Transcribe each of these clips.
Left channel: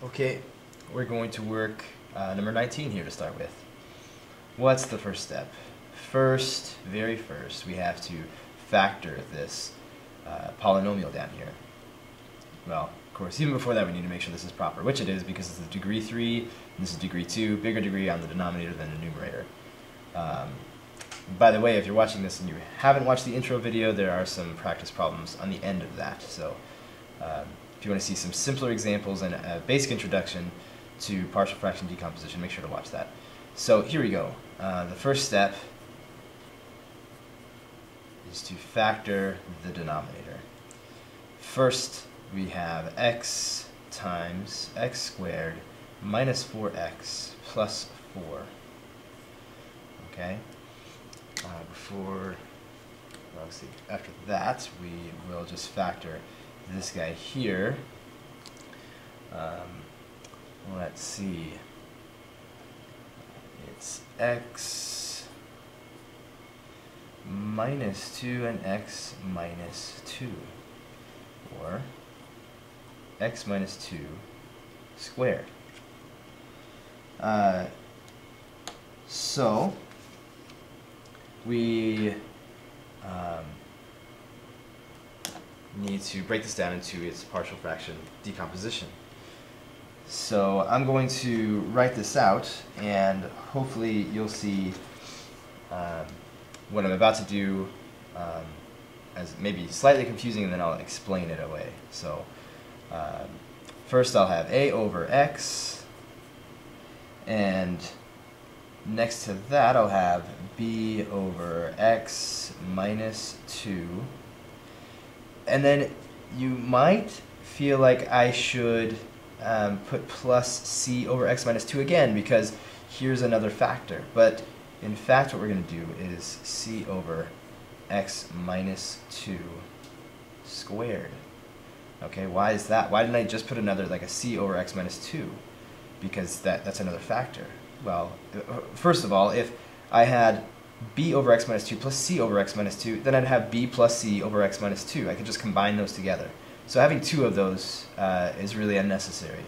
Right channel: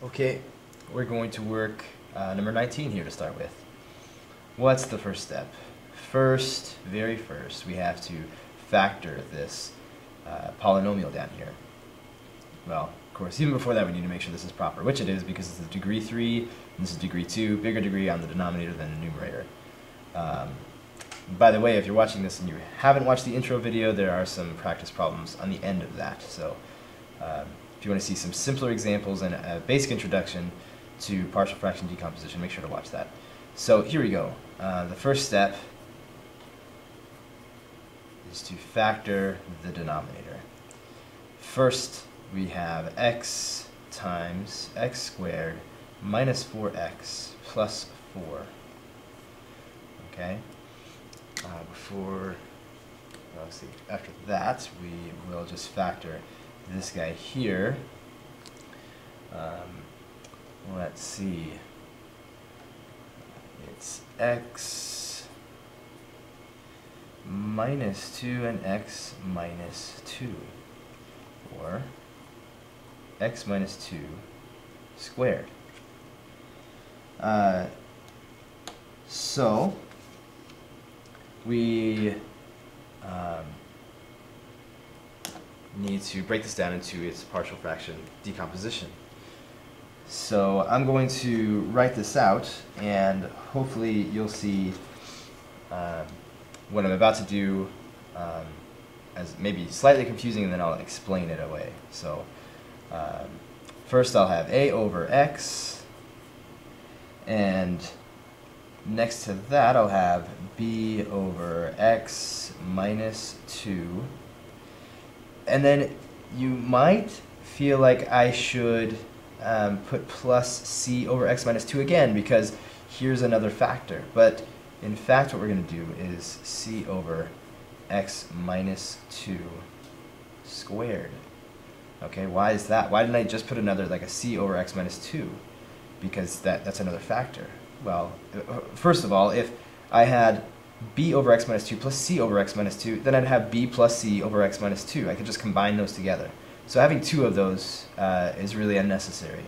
Okay, we're going to work number 19 here to start with. What's the first step? Very first, we have to factor this polynomial down here. Well, of course, even before that, we need to make sure this is proper, which it is because it's a degree 3, and this is degree 2, bigger degree on the denominator than the numerator. By the way, if you're watching this and you haven't watched the intro video, there are some practice problems on the end of that. So if you want to see some simpler examples and a basic introduction to partial fraction decomposition, make sure to watch that. So here we go. The first step is to factor the denominator. First, we have x times x squared minus 4x plus 4. Okay? After that, we will just factor this guy here. Let's see. It's x minus 2 and x minus 2, or x minus 2 squared. So we need to break this down into its partial fraction decomposition. So I'm going to write this out, and hopefully you'll see what I'm about to do as maybe slightly confusing, and then I'll explain it away. So first I'll have a over x, and next to that I'll have b over x minus 2. And then you might feel like I should put plus c over x minus 2 again, because here's another factor. But in fact, what we're going to do is c over x minus 2 squared. Okay, why is that? Why didn't I just put another, like a c over x minus 2? Because that's another factor. Well, first of all, if I had b over x minus 2 plus c over x minus 2, then I'd have b plus c over x minus 2. I could just combine those together. So having two of those is really unnecessary.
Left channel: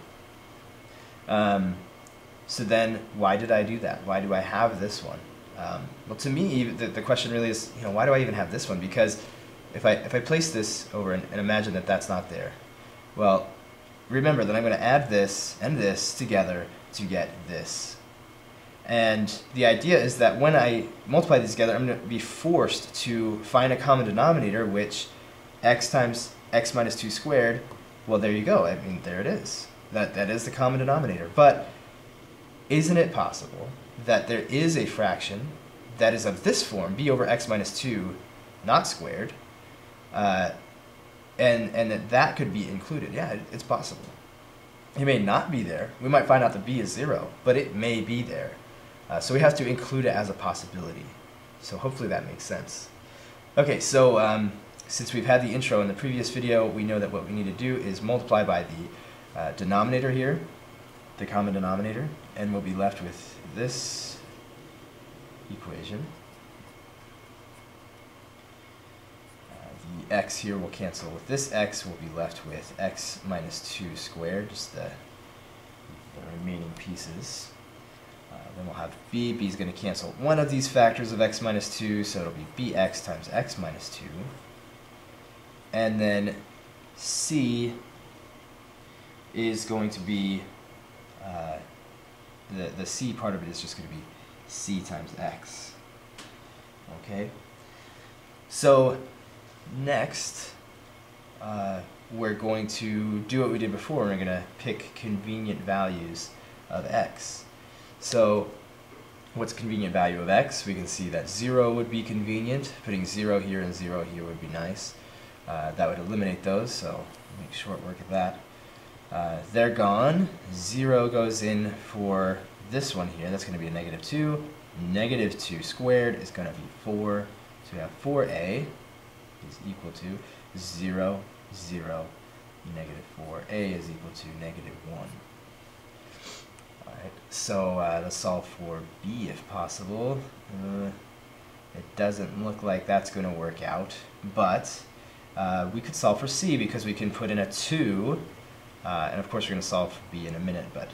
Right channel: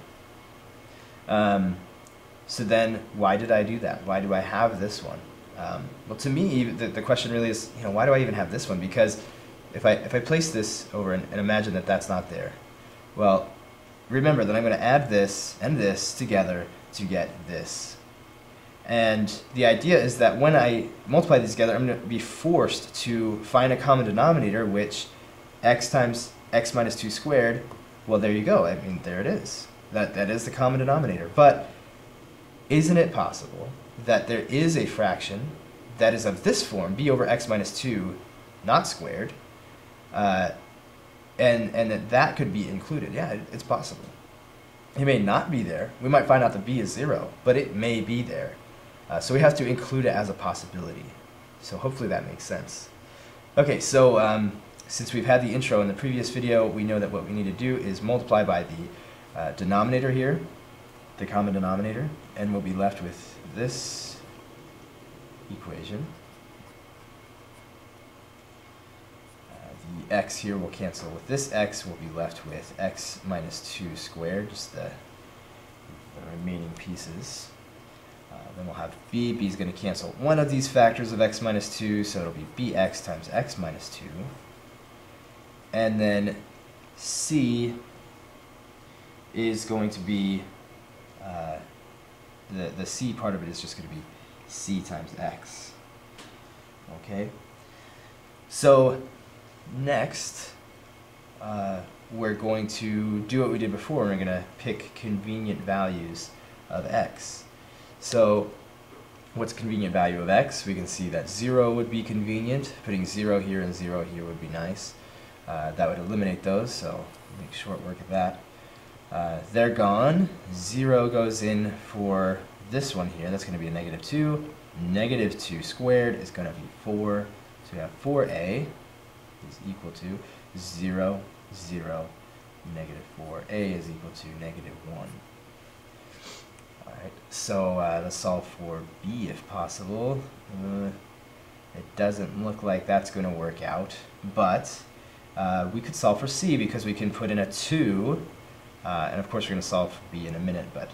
So then, why did I do that? Why do I have this one? Well, to me, the question really is, why do I even have this one? Because if I place this over and imagine that that's not there, well, remember that I'm going to add this and this together to get this. And the idea is that when I multiply these together, I'm going to be forced to find a common denominator, which x times x minus 2 squared, well, there you go. I mean, there it is. That is the common denominator. But isn't it possible that there is a fraction that is of this form, b over x minus 2, not squared, and that could be included? Yeah, it's possible. It may not be there. We might find out that b is 0, but it may be there. So we have to include it as a possibility. So hopefully that makes sense. Okay, so since we've had the intro in the previous video, we know that what we need to do is multiply by the denominator here, the common denominator, and we'll be left with this equation. The x here will cancel with this x. We'll be left with x minus 2 squared, just the remaining pieces. Then we'll have b. b is going to cancel one of these factors of x minus 2, so it'll be bx times x minus 2. And then c is going to be, the c part of it is just going to be c times x. Okay? So next, we're going to do what we did before. We're going to pick convenient values of x. So what's a convenient value of x? We can see that 0 would be convenient. Putting 0 here and 0 here would be nice. That would eliminate those, so make short work of that. They're gone. 0 goes in for this one here. That's going to be a negative 2. Negative 2 squared is going to be 4. So we have 4a is equal to 0, 0, negative 4a is equal to negative 1. Alright, so let's solve for b if possible. It doesn't look like that's going to work out, but we could solve for c because we can put in a 2 And of course we're going to solve for b in a minute, but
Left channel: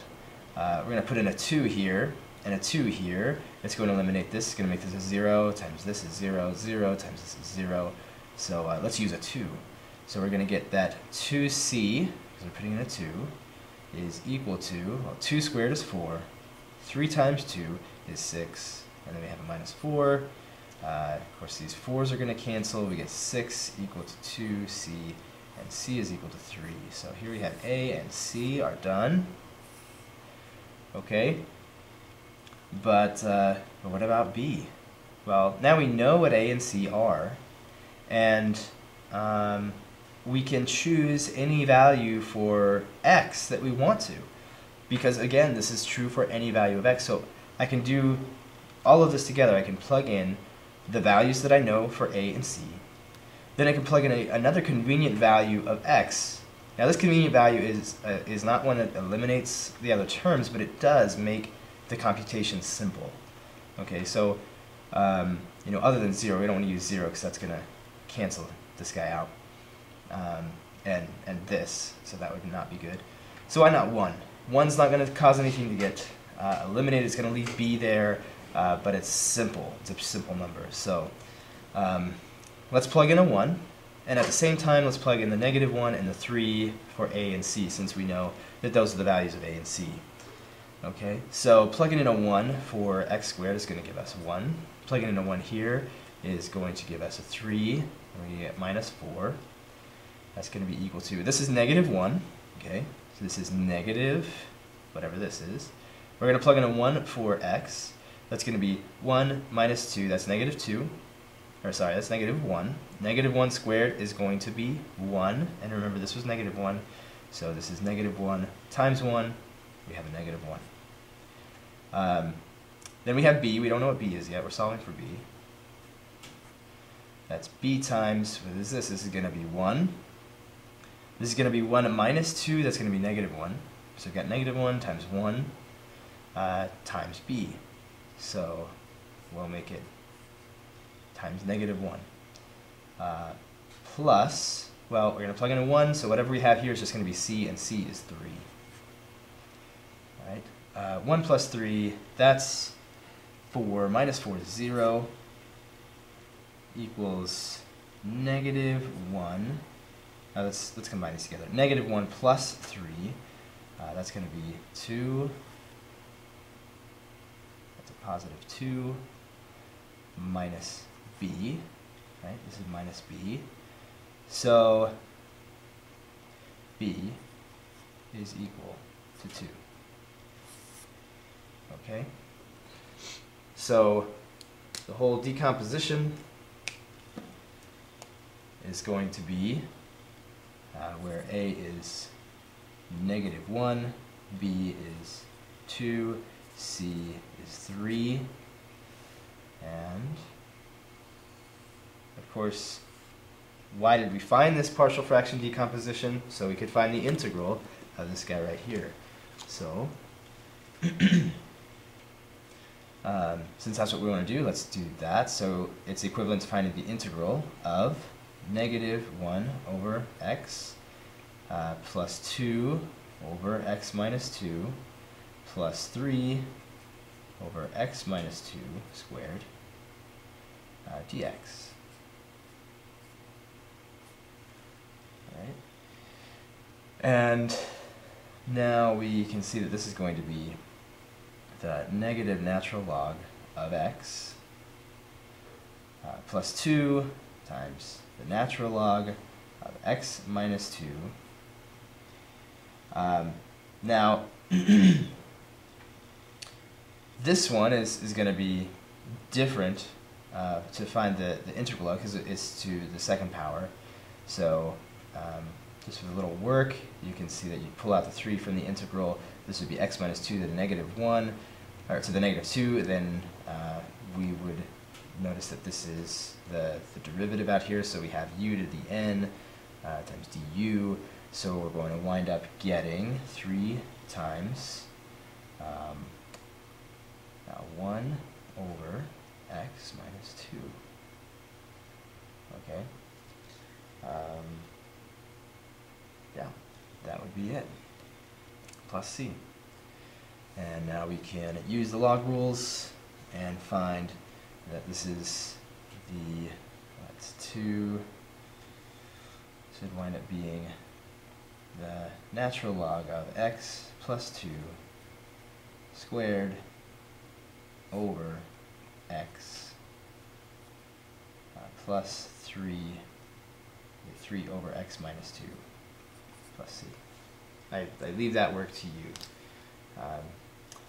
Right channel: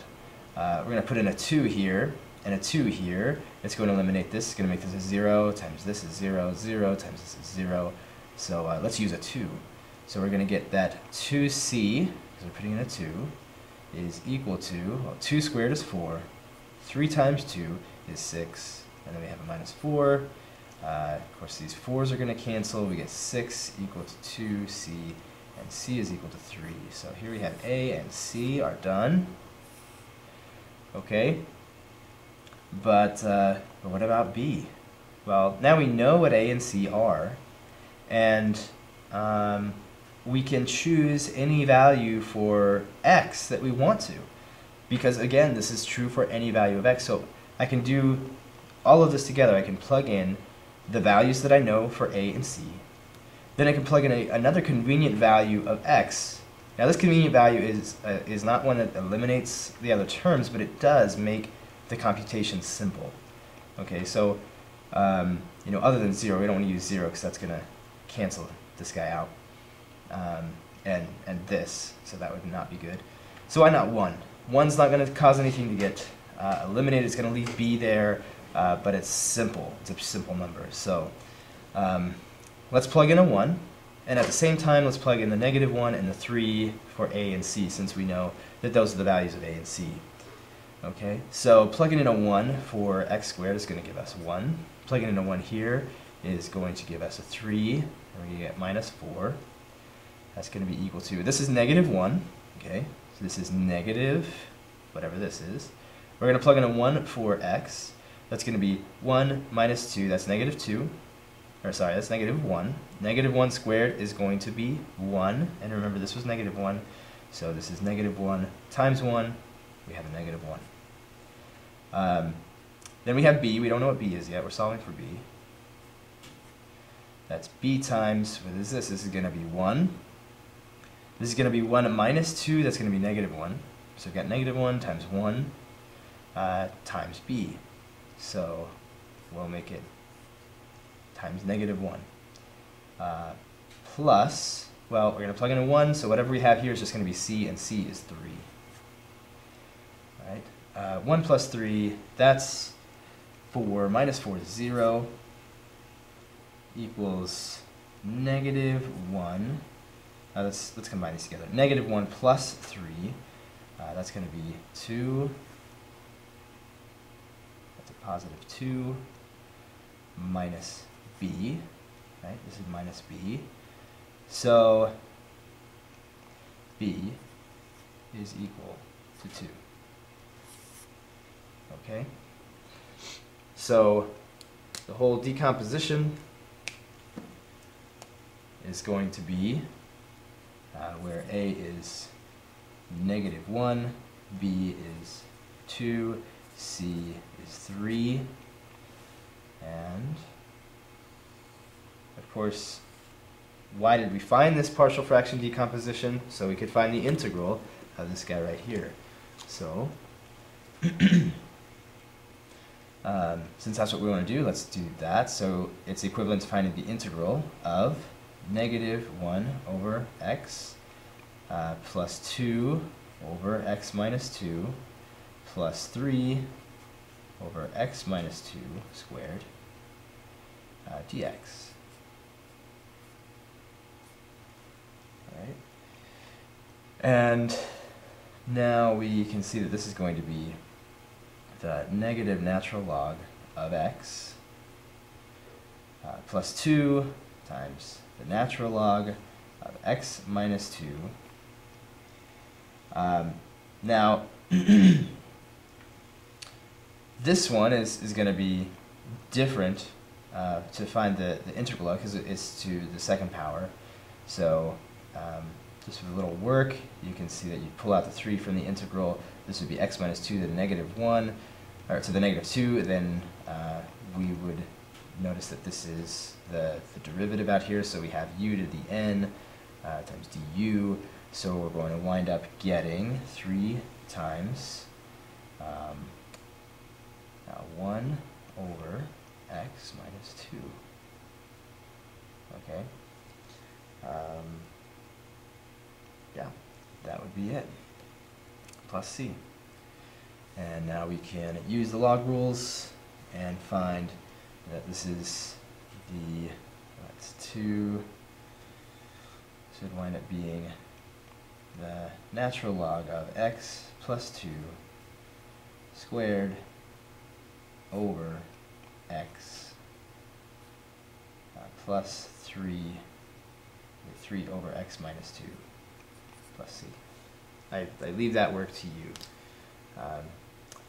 we're going to put in a 2 here and a 2 here. It's going to eliminate this. It's going to make this a 0 times this is 0, 0 times this is 0. So let's use a 2. So we're going to get that 2c, because we're putting in a 2, is equal to, well, 2 squared is 4, 3 times 2 is 6, and then we have a minus 4. Of course, these 4's are going to cancel. We get 6 equal to 2c, and c is equal to 3. So here we have a and c are done. Okay, but what about b? Well, now we know what a and c are, and we can choose any value for x that we want to, because again, this is true for any value of x. So I can do all of this together. I can plug in the values that I know for a and c. Then I can plug in another convenient value of x. Now this convenient value is not one that eliminates the other terms, but it does make the computation simple. Okay, so you know, other than 0, we don't want to use 0 because that's going to cancel this guy out, and this, so that would not be good. So why not 1? 1's not going to cause anything to get eliminated. It's going to leave b there, but it's simple. It's a simple number. So let's plug in a 1, and at the same time let's plug in the -1 and the 3 for a and c, since we know that those are the values of a and c. Okay, so plugging in a 1 for x squared is going to give us 1. Plugging in a 1 here is going to give us a 3, and we're going to get minus 4. That's going to be equal to, this is -1, okay, so this is negative, whatever this is. We're going to plug in a 1 for x. That's going to be 1 minus 2, that's -2. Or sorry, that's -1. -1 squared is going to be 1. And remember, this was -1. So this is -1 times 1. We have a -1. Then we have b. We don't know what b is yet. We're solving for b. That's b times, what is this? This is going to be 1. This is going to be 1 minus 2. That's going to be -1. So we've got -1 times 1 times b. So we'll make it times -1. Plus, well, we're going to plug in a 1, so whatever we have here is just going to be c, and c is 3. All right, 1 plus 3, that's 4, minus 4 is 0, equals -1. Let's combine these together. -1 plus 3, that's going to be 2. That's a positive 2 minus b, right? This is minus b. So b is equal to 2. Okay? So the whole decomposition is going to be where a is -1, b is 2, c is 3, and of course, why did we find this partial fraction decomposition? So we could find the integral of this guy right here. So since that's what we want to do, let's do that. So it's equivalent to finding the integral of -1 over x plus 2 over x minus 2 plus 3 over x minus 2 squared dx. All right. And now we can see that this is going to be the negative natural log of x plus 2 times the natural log of x minus 2. Now, this one is going to be different to find the integral of, because it's to the second power. So just for a little work, you can see that you pull out the 3 from the integral. This would be x minus 2 to the -1, or to the -2. Then we would notice that this is the derivative out here. So we have u to the n times du. So we're going to wind up getting 3 times 1 over x minus 2. Okay. Yeah, that would be it, plus c. And now we can use the log rules and find that this is the, what's 2, should wind up being the natural log of x plus 2 squared over x plus 3 over x minus 2 plus c. I leave that work to you.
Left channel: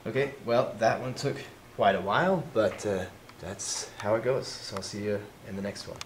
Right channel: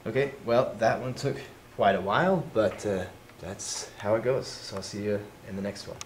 Okay, well, that one took quite a while, but that's how it goes. So I'll see you in the next one.